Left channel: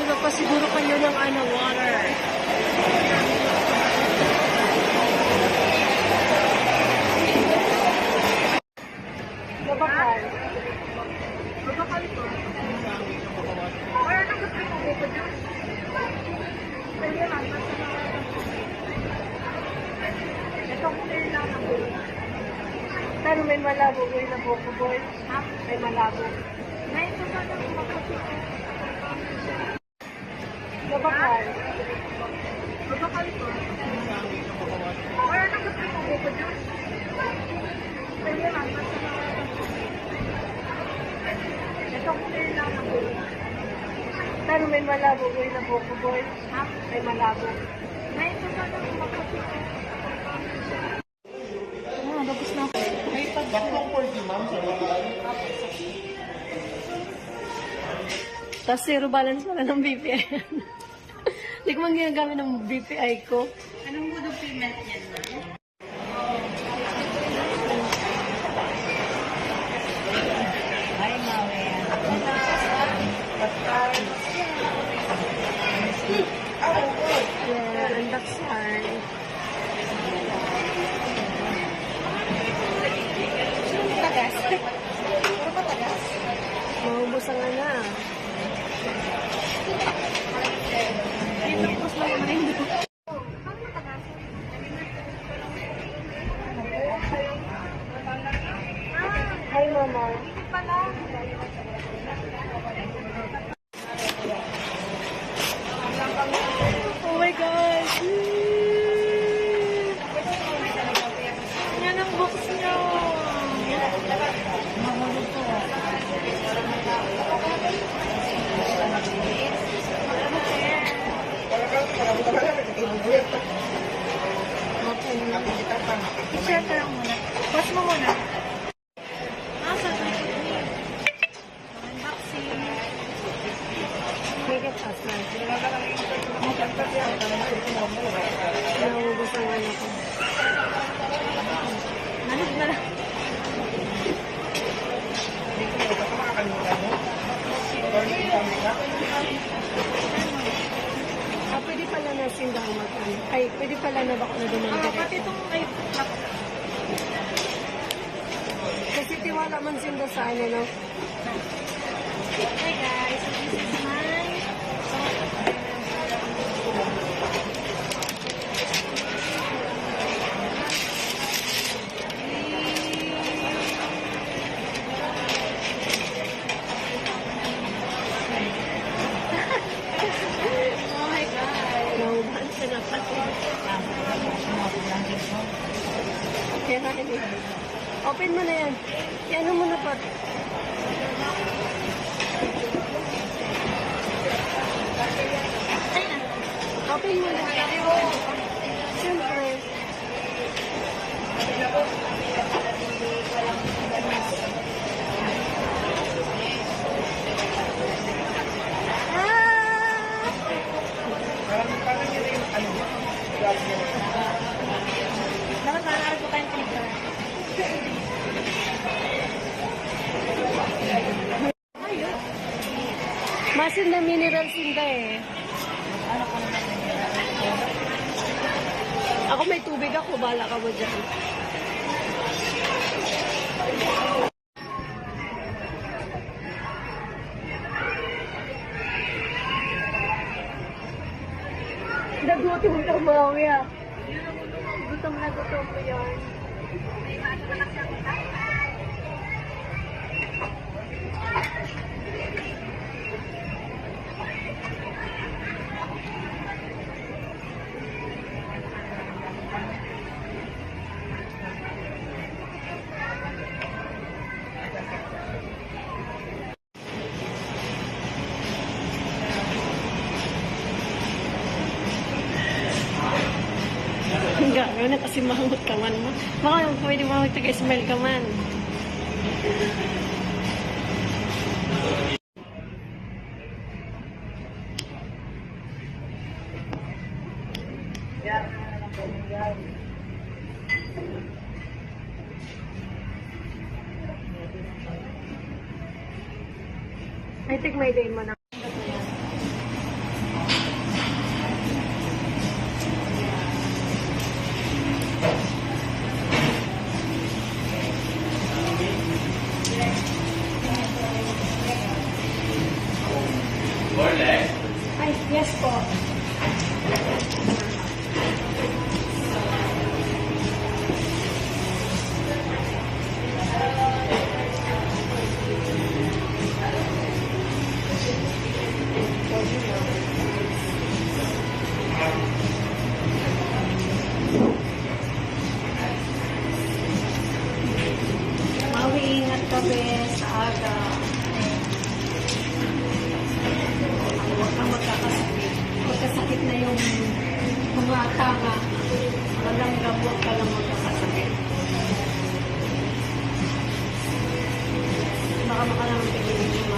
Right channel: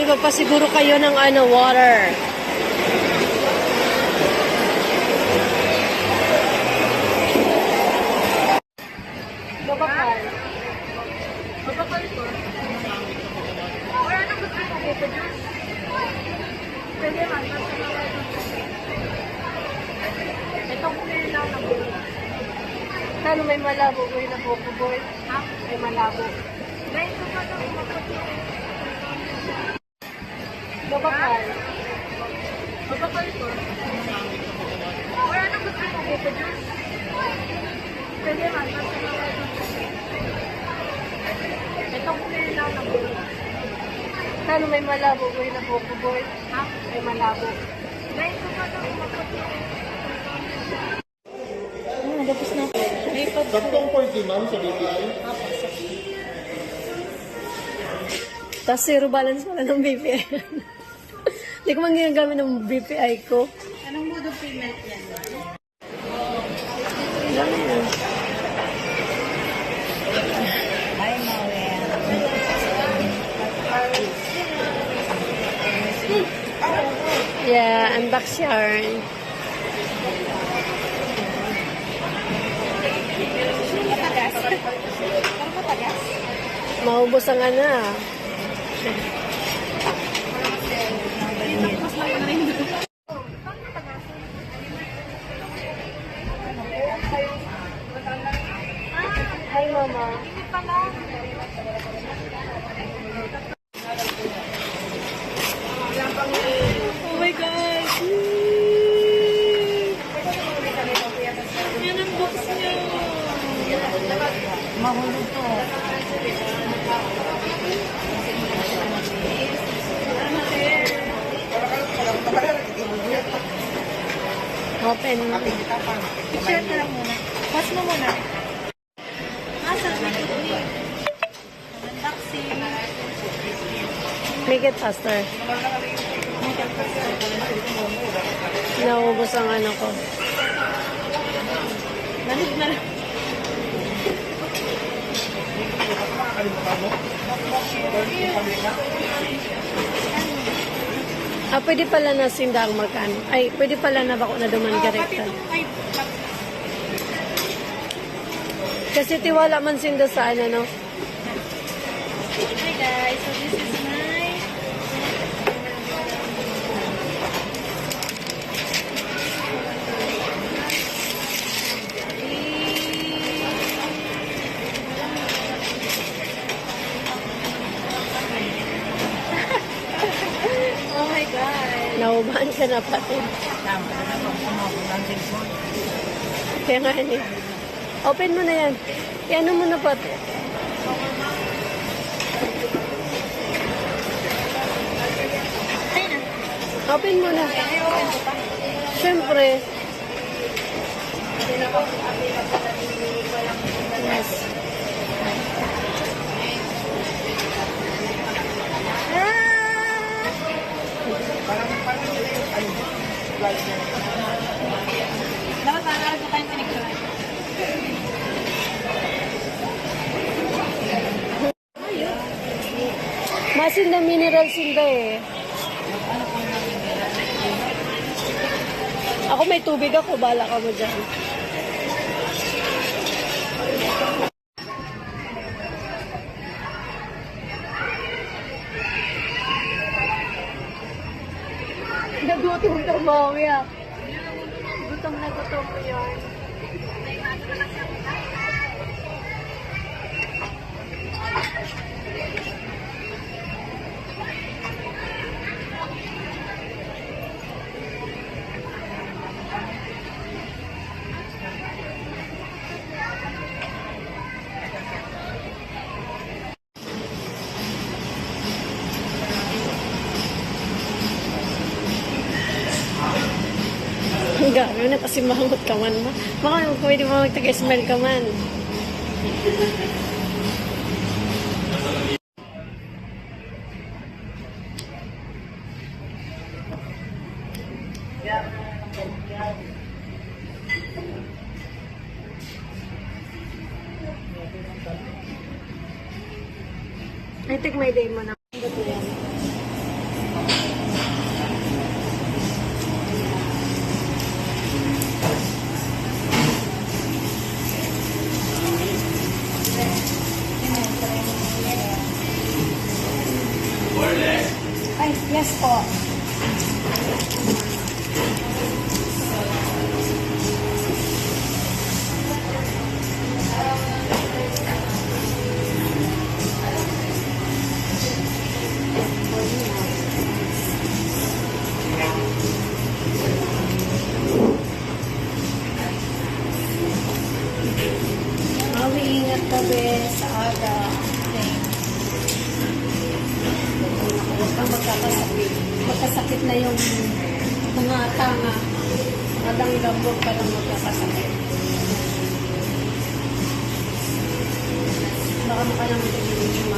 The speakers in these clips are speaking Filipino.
May papasiguro kayo ng water. Babakal. Babakal po. Or ano gusto mo? Buko juice? Pwede man. Ito ko may lalabo. Pero may malabo boy na buko boy. May malabo. Babakal. Babakal po. Or ano gusto mo? Buko juice? Pwede man. Ito ko may lalabo. Pero may malabo boy na buko boy. May malabo. Dagos na. Gaptong 40 ma'am sa BPI. Tapos zero balance pala ng BPI. Hindi ko man ginagamit ng BPI ko. Anong mood of payment yan, ma'am? Ay, mawe yan. Yeah, unbox yarn. Matagas? Parang matagas? Maubos ang Tapos naman rin. Hi, Mama. Oh my gosh. Yan ang box niya. Mahulog to. Open. I-share ka lang muna. Mas mo muna. Nasa sa unboxing. Make it faster. Naubos ang ko. Nanog na. Pwede pala na sindang magkano. Ay, pwede pala na bako na duman direkta. Ay, Kasi tiwala man sinda sa no? hi guys, so this is my oh my god. Naubahan siya na pati. Kaya nga open mo na yan. Iano mo na pati. Open mo na. Siyempre. Parang nila yung glass niya. Dapat nakakarap ko tayong connection. Masin na mineral sinda Ako may tubig ako, bala ka mo dyan. Nagutom ka, mami Gutom na gutom mo yun. Gano'n na kasi mahamot ka man. Baka pwede mo magtaga-smell ka man. I think may day mo na. Yes po. Ingat ka, be, sa aga. Okay. Huwag kang magkakasakit. Magkasakit na yung mga tanga. Walang gamot ka lang magkakasakit. Baka makalang tigil-tigil.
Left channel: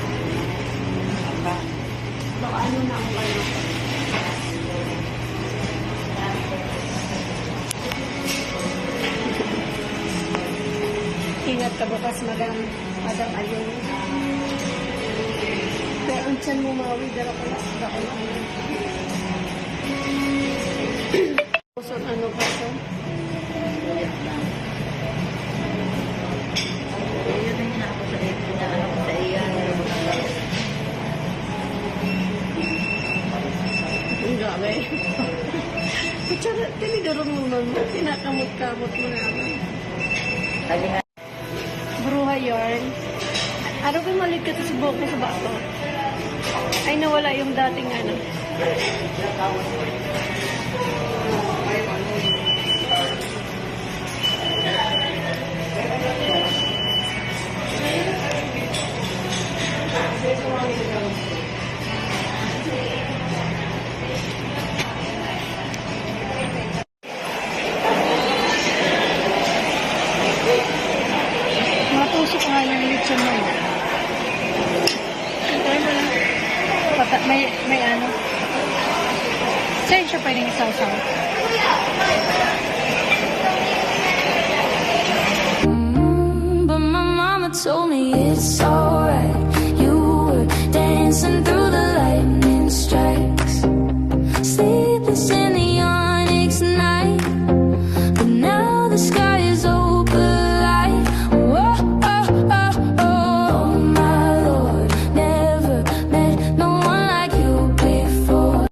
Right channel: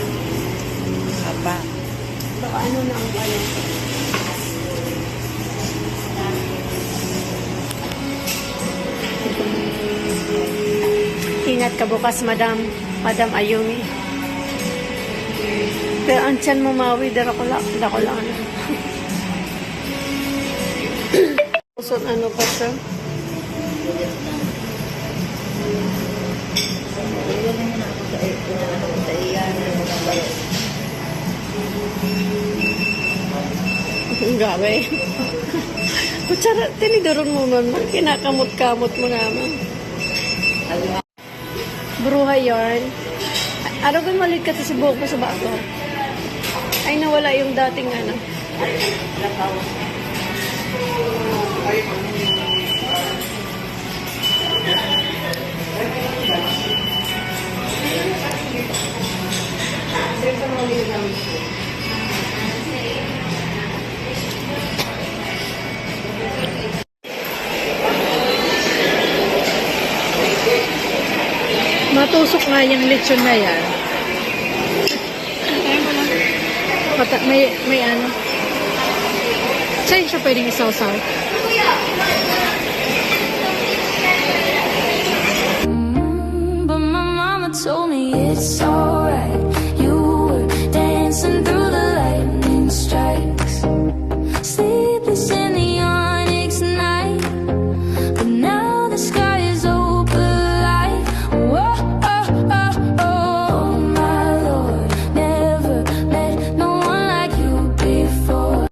Aba. Baka ano nang ano. Ingat ka bukas, Madam. Madam Ayumi. Pero ang tiyan mo mawi, dako lang. Puson ano pa siya? Yan ang muna ako sa iyan. Ang gabi. Kutsara, tinidoron mo man. Kinakamot-kamot mo naman. Bruha yarn. Araw ba malit ka sa buhok mo sa bato? Ay, nawala yung dating ano. Matusok nga yung lechon na yan. May ano. Saan siya pwedeng isaw-saw? But my mama told me it's